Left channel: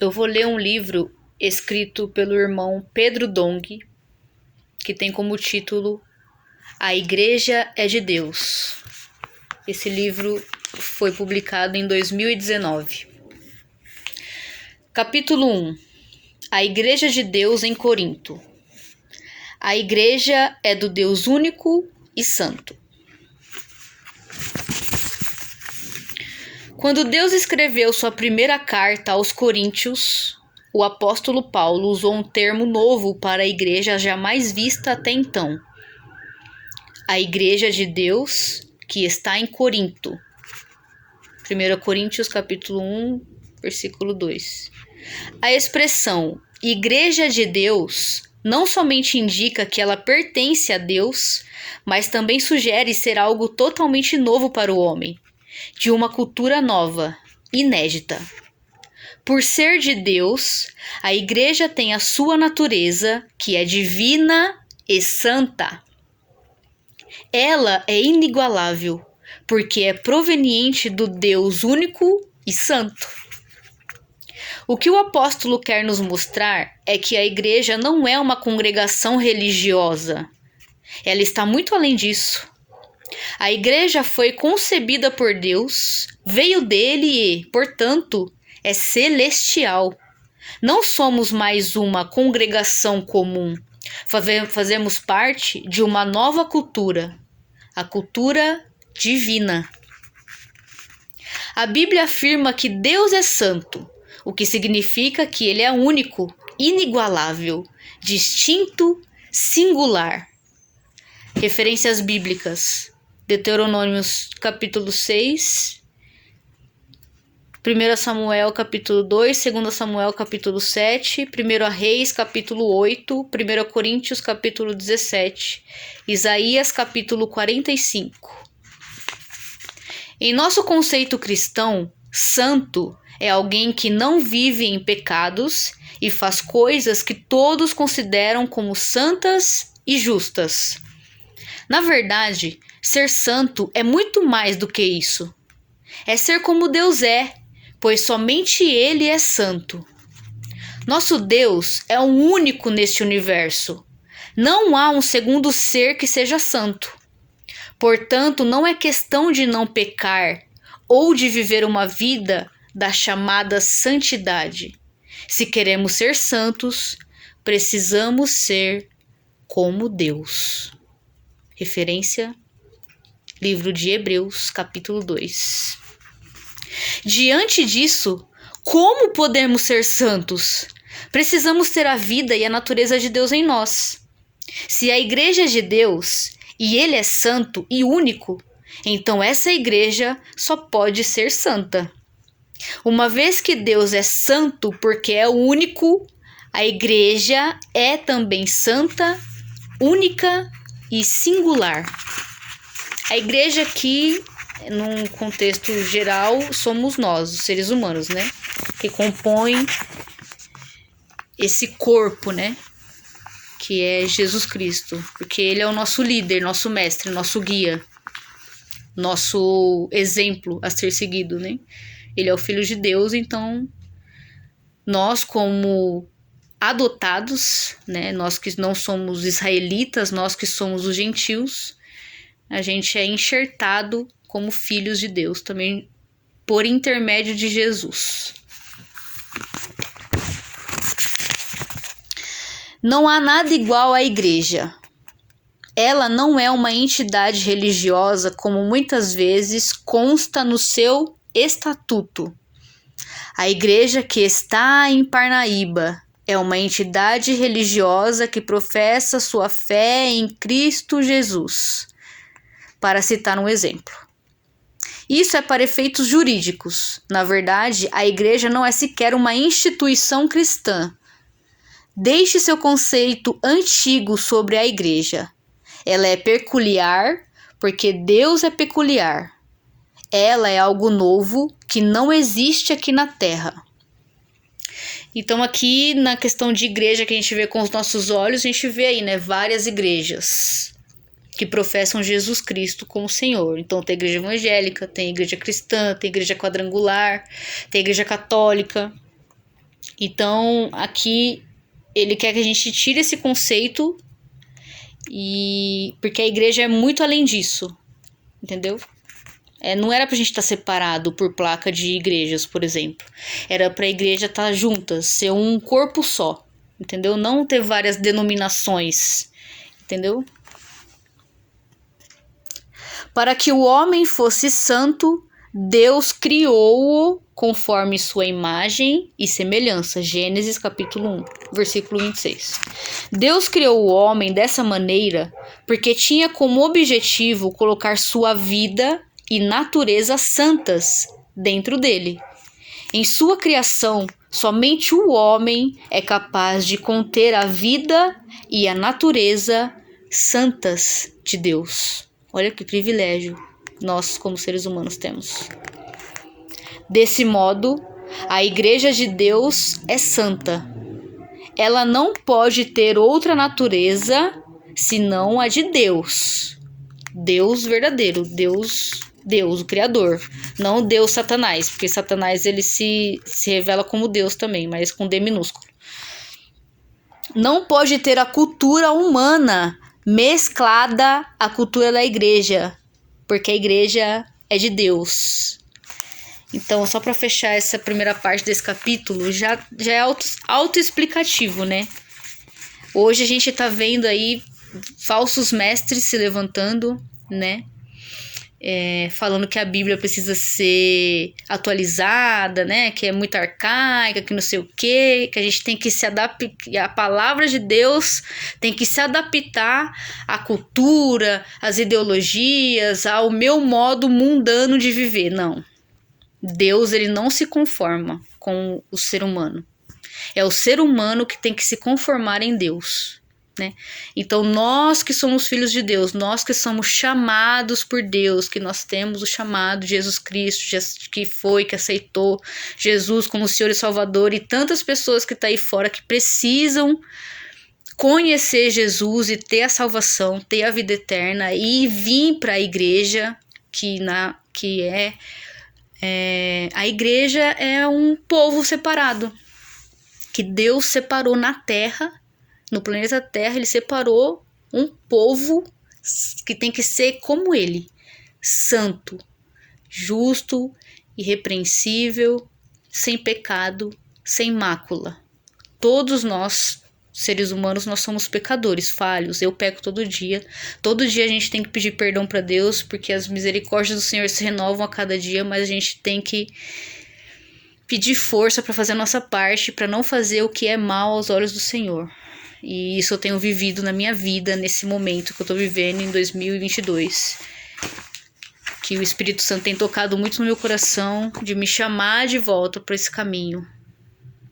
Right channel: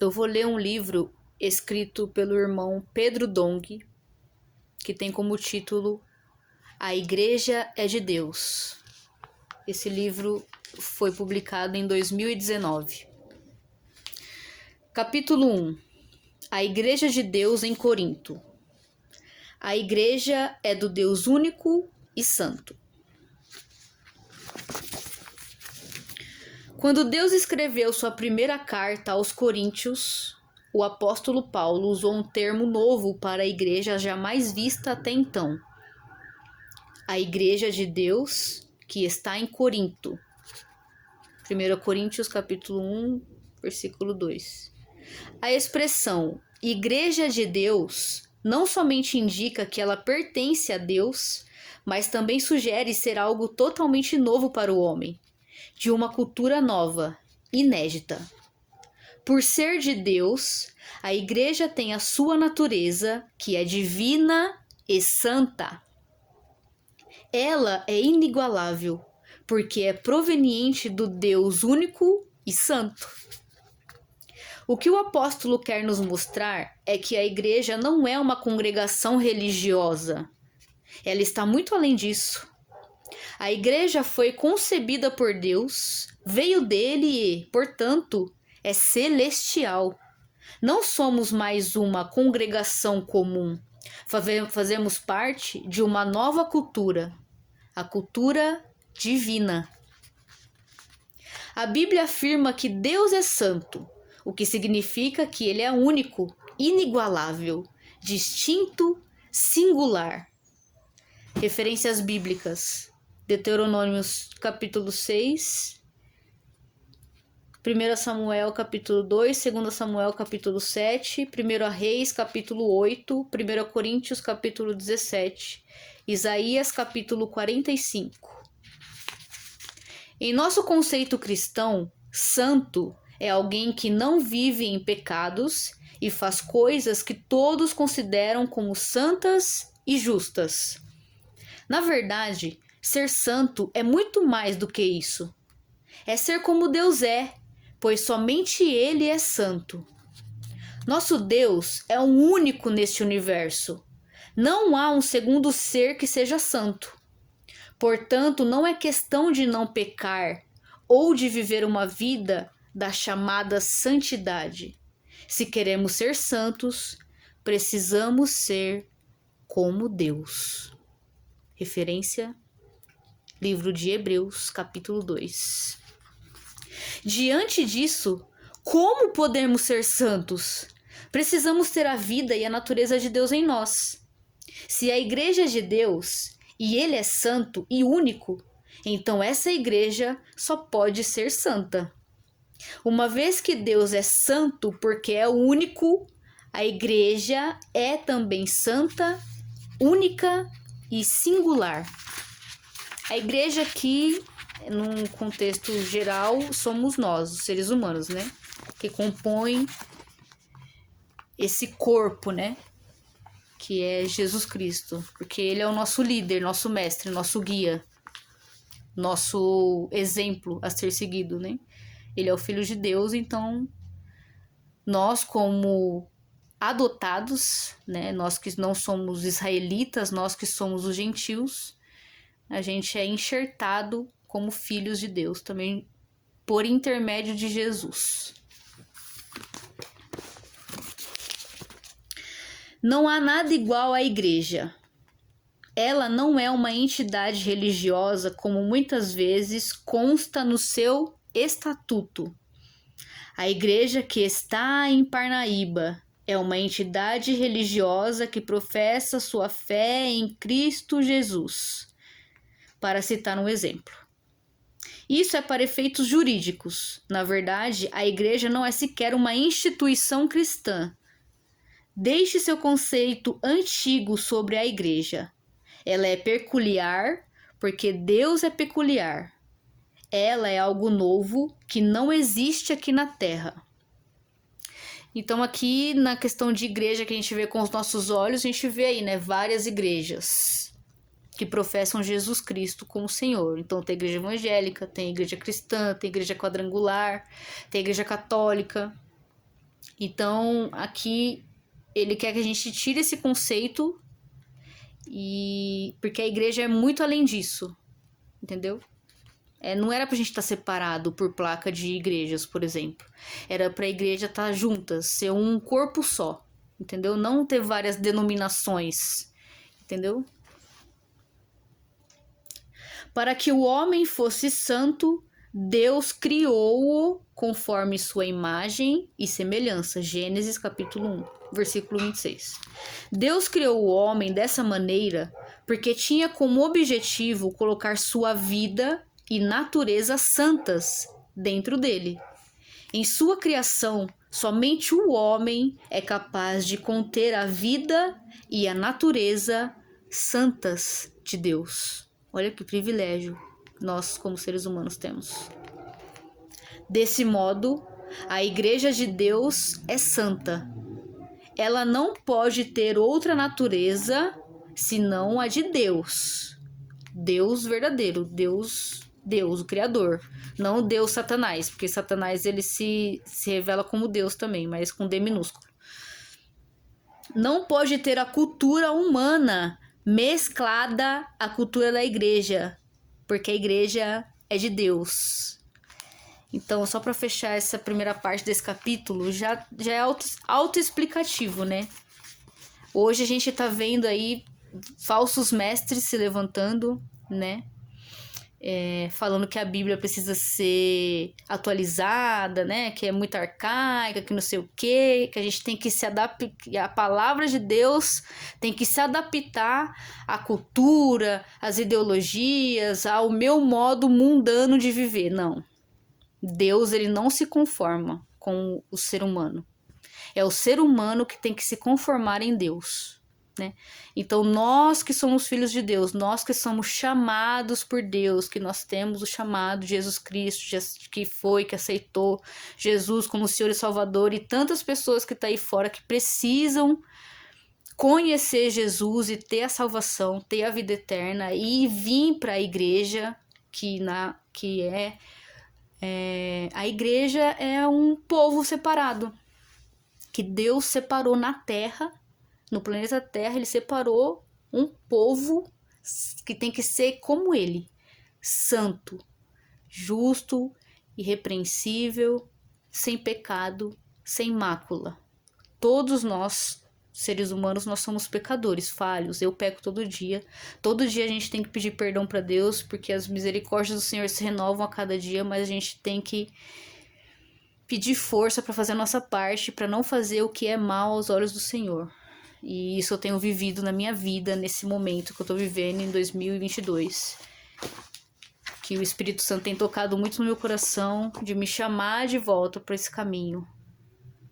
eu vou ler um livro escrito pelo irmão Pedro Dong, que tem como título A Igreja é de Deus. Esse livro foi publicado em 2019. Capítulo 1. A Igreja de Deus em Corinto. A Igreja é do Deus único e santo. Quando Deus escreveu sua primeira carta aos Coríntios, o apóstolo Paulo usou um termo novo para a igreja jamais vista até então. A Igreja de Deus que está em Corinto. 1 Coríntios capítulo 1, versículo 2. A expressão Igreja de Deus não somente indica que ela pertence a Deus, mas também sugere ser algo totalmente novo para o homem, de uma cultura nova, inédita. Por ser de Deus, a igreja tem a sua natureza, que é divina e santa. Ela é inigualável, porque é proveniente do Deus único e santo. O que o apóstolo quer nos mostrar é que a igreja não é uma congregação religiosa. Ela está muito além disso. A igreja foi concebida por Deus, veio dele e, portanto, é celestial. Não somos mais uma congregação comum. Fazemos parte de uma nova cultura, a cultura divina. A Bíblia afirma que Deus é santo, o que significa que ele é único, inigualável, distinto, singular. Referências bíblicas: Deuteronômio capítulo 6, 1 Samuel capítulo 2, 2 Samuel capítulo 7, 1 Reis capítulo 8, 1 Coríntios capítulo 17, Isaías capítulo 45. Em nosso conceito cristão, santo é alguém que não vive em pecados e faz coisas que todos consideram como santas e justas. Na verdade, ser santo é muito mais do que isso. É ser como Deus é, pois somente Ele é santo. Nosso Deus é o único neste universo. Não há um segundo ser que seja santo. Portanto, não é questão de não pecar ou de viver uma vida da chamada santidade. Se queremos ser santos, precisamos ser como Deus. Referência: livro de Hebreus, capítulo 2. Diante disso, como podemos ser santos? Precisamos ter a vida e a natureza de Deus em nós. Se a igreja é de Deus e Ele é santo e único, então essa igreja só pode ser santa. Uma vez que Deus é santo porque é o único, a igreja é também santa, única e singular. A igreja aqui, num contexto geral, somos nós, os seres humanos, né? Que compõem esse corpo, né? Que é Jesus Cristo. Porque Ele é o nosso líder, nosso mestre, nosso guia, nosso exemplo a ser seguido, né? Ele é o Filho de Deus, então nós, como adotados, né? Nós que não somos israelitas, nós que somos os gentios, a gente é enxertado como filhos de Deus, também por intermédio de Jesus. Não há nada igual à igreja. Ela não é uma entidade religiosa como muitas vezes consta no seu estatuto. A igreja que está em Parnaíba é uma entidade religiosa que professa sua fé em Cristo Jesus, para citar um exemplo. Isso é para efeitos jurídicos. Na verdade, a igreja não é sequer uma instituição cristã. Deixe seu conceito antigo sobre a igreja. Ela é peculiar porque Deus é peculiar. Ela é algo novo que não existe aqui na Terra. Então aqui na questão de igreja que a gente vê com os nossos olhos, a gente vê aí, né, várias igrejas que professam Jesus Cristo como Senhor. Então tem igreja evangélica, tem igreja cristã, tem igreja quadrangular, tem igreja católica. Então, aqui ele quer que a gente tire esse conceito, porque a igreja é muito além disso, entendeu? Não era pra gente estar separado por placa de igrejas, por exemplo. Era pra igreja estar juntas, ser um corpo só, entendeu? Não ter várias denominações, entendeu? Para que o homem fosse santo, Deus criou-o conforme sua imagem e semelhança. Gênesis capítulo 1, versículo 26. Deus criou o homem dessa maneira porque tinha como objetivo colocar sua vida e natureza santas dentro dele. Em sua criação, somente o homem é capaz de conter a vida e a natureza santas de Deus. Olha que privilégio nós, como seres humanos, temos. Desse modo, a Igreja de Deus é santa. Ela não pode ter outra natureza senão a de Deus. Deus verdadeiro, Deus, o Criador. Não Deus Satanás, porque Satanás ele se revela como Deus também, mas com D minúsculo. Não pode ter a cultura humana mesclada à cultura da igreja, porque a igreja é de Deus. Então, só para fechar essa primeira parte desse capítulo, já é autoexplicativo, né? Hoje a gente tá vendo aí falsos mestres se levantando, né? Falando que a Bíblia precisa ser atualizada, né? Que é muito arcaica, que não sei o quê, que a gente tem que se adaptar, a palavra de Deus tem que se adaptar à cultura, às ideologias, ao meu modo mundano de viver. Não. Deus, ele não se conforma com o ser humano. É o ser humano que tem que se conformar em Deus. Né? Então, nós que somos filhos de Deus, nós que somos chamados por Deus, que nós temos o chamado de Jesus Cristo, que aceitou Jesus como Senhor e Salvador, e tantas pessoas que estão aí fora que precisam conhecer Jesus e ter a salvação, ter a vida eterna e vir para a igreja, a igreja é um povo separado, que Deus separou na terra. No planeta Terra, ele separou um povo que tem que ser como ele, santo, justo, irrepreensível, sem pecado, sem mácula. Todos nós, seres humanos, nós somos pecadores, falhos. Eu peco todo dia. Todo dia a gente tem que pedir perdão para Deus, porque as misericórdias do Senhor se renovam a cada dia, mas a gente tem que pedir força para fazer a nossa parte, para não fazer o que é mal aos olhos do Senhor. E isso eu tenho vivido na minha vida, nesse momento que eu tô vivendo em 2022. Que o Espírito Santo tem tocado muito no meu coração de me chamar de volta para esse caminho,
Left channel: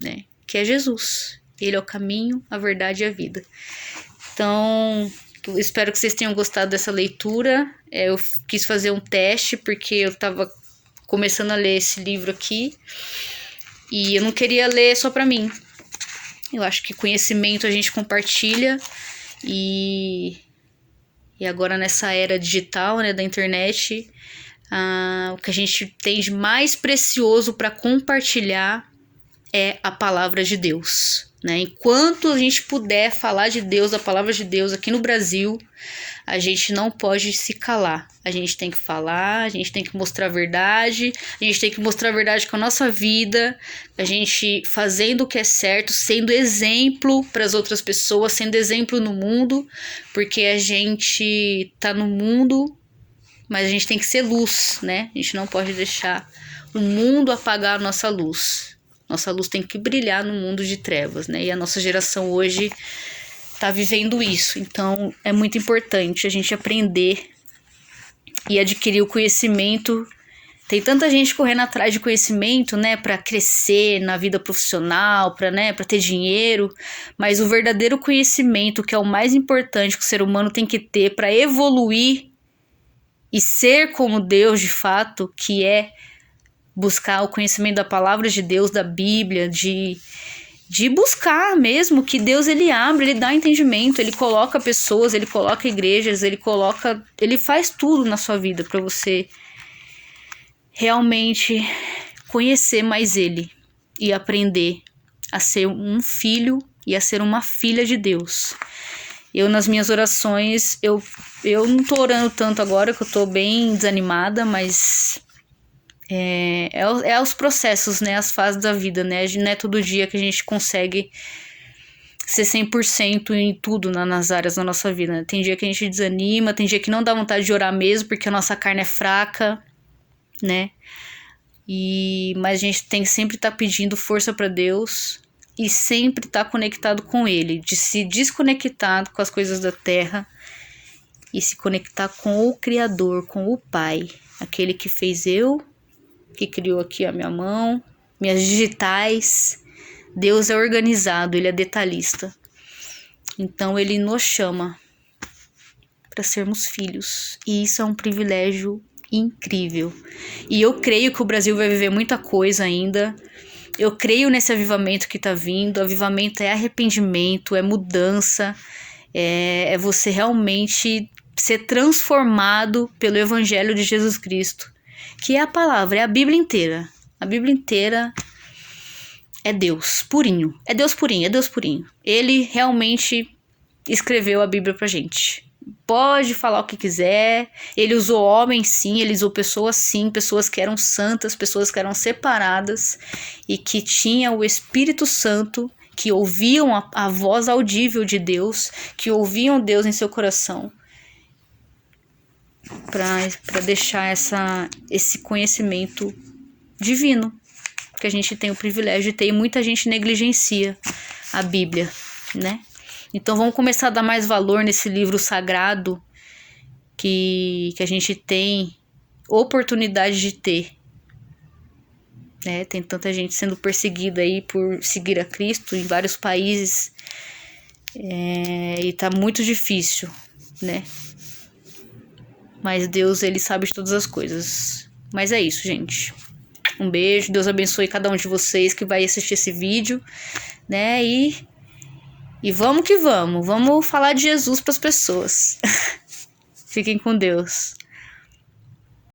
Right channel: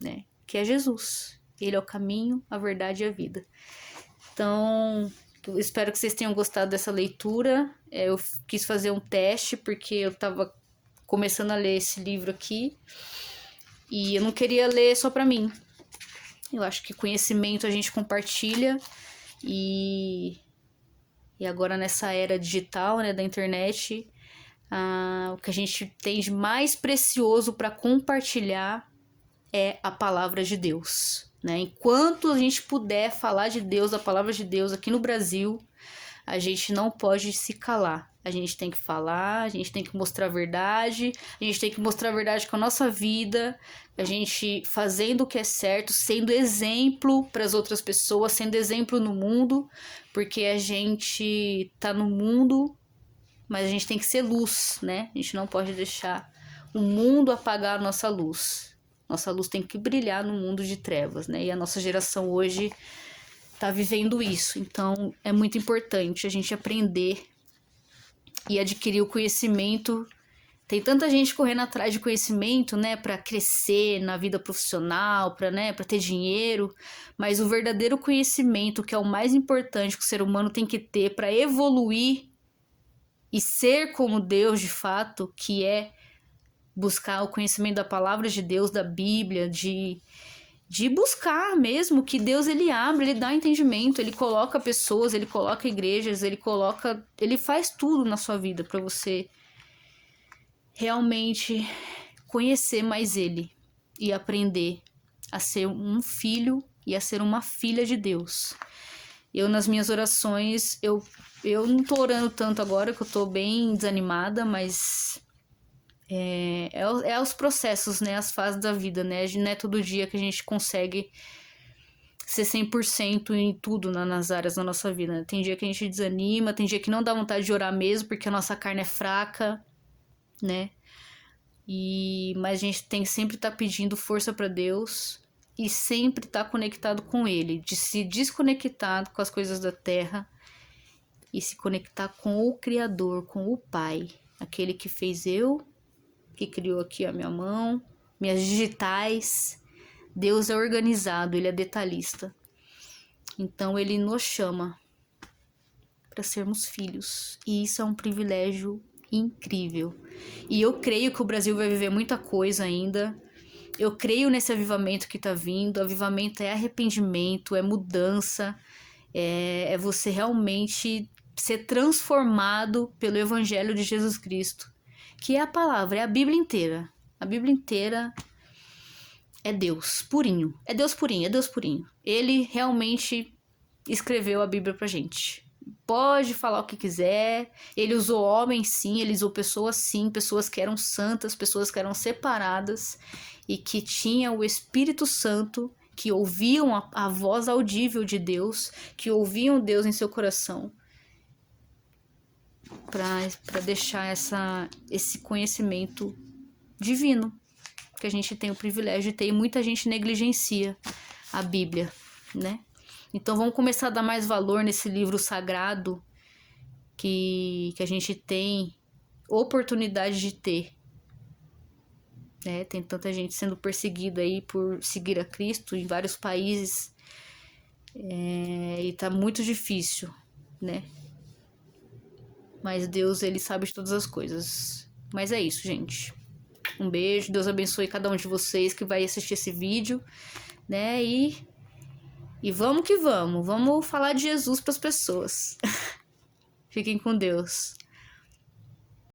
né? Que é Jesus. Ele é o caminho, a verdade e a vida. Então, eu espero que vocês tenham gostado dessa leitura. Eu quis fazer um teste, porque eu tava começando a ler esse livro aqui. E eu não queria ler só para mim. Eu acho que conhecimento a gente compartilha e agora nessa era digital, né, da internet, o que a gente tem de mais precioso para compartilhar é a palavra de Deus, né? Enquanto a gente puder falar de Deus, a palavra de Deus aqui no Brasil, a gente não pode se calar. A gente tem que falar, a gente tem que mostrar a verdade, a gente tem que mostrar a verdade com a nossa vida, a gente fazendo o que é certo, sendo exemplo para as outras pessoas, sendo exemplo no mundo, porque a gente tá no mundo, mas a gente tem que ser luz, né? A gente não pode deixar o mundo apagar a nossa luz. Nossa luz tem que brilhar no mundo de trevas, né? E a nossa geração hoje tá vivendo isso. Então, é muito importante a gente aprender e adquirir o conhecimento. Tem tanta gente correndo atrás de conhecimento, né, para crescer na vida profissional, para ter dinheiro, mas o verdadeiro conhecimento, que é o mais importante que o ser humano tem que ter para evoluir e ser como Deus de fato, que é buscar o conhecimento da palavra de Deus, da Bíblia, de buscar mesmo que Deus ele abre, ele dá entendimento, ele coloca pessoas, ele coloca igrejas, ele faz tudo na sua vida para você realmente conhecer mais ele e aprender a ser um filho e a ser uma filha de Deus. Eu, nas minhas orações, eu não tô orando tanto agora, que eu tô bem desanimada, mas é os processos, né? As fases da vida, né? Não é todo dia que a gente consegue ser 100% em tudo nas áreas da nossa vida, né? Tem dia que a gente desanima, tem dia que não dá vontade de orar mesmo, porque a nossa carne é fraca, né? Mas a gente tem que sempre estar pedindo força para Deus e sempre estar conectado com Ele, de se desconectar com as coisas da terra e se conectar com o Criador, com o Pai, aquele que fez eu, que criou aqui a minha mão, minhas digitais. Deus é organizado, Ele é detalhista. Então Ele nos chama para sermos filhos, e isso é um privilégio incrível. E eu creio que o Brasil vai viver muita coisa ainda. Eu creio nesse avivamento que tá vindo. Avivamento é arrependimento, é mudança, é você realmente ser transformado pelo Evangelho de Jesus Cristo, que é a palavra, é a Bíblia inteira. A Bíblia inteira é Deus purinho. É Deus purinho, é Deus purinho. Ele realmente escreveu a Bíblia pra gente. Pode falar o que quiser. Ele usou homens, sim. Ele usou pessoas, sim. Pessoas que eram santas, pessoas que eram separadas e que tinham o Espírito Santo, que ouviam a voz audível de Deus, que ouviam Deus em seu coração, para deixar esse conhecimento divino que a gente tem o privilégio de ter, e muita gente negligencia a Bíblia, né? Então vamos começar a dar mais valor nesse livro sagrado que a gente tem oportunidade de ter, né? Tem tanta gente sendo perseguida aí por seguir a Cristo em vários países, e tá muito difícil, né? Mas Deus, Ele sabe de todas as coisas. Mas é isso, gente. Um beijo, Deus abençoe cada um de vocês que vai assistir esse vídeo, né? E vamos que vamos falar de Jesus para as pessoas. Fiquem com Deus.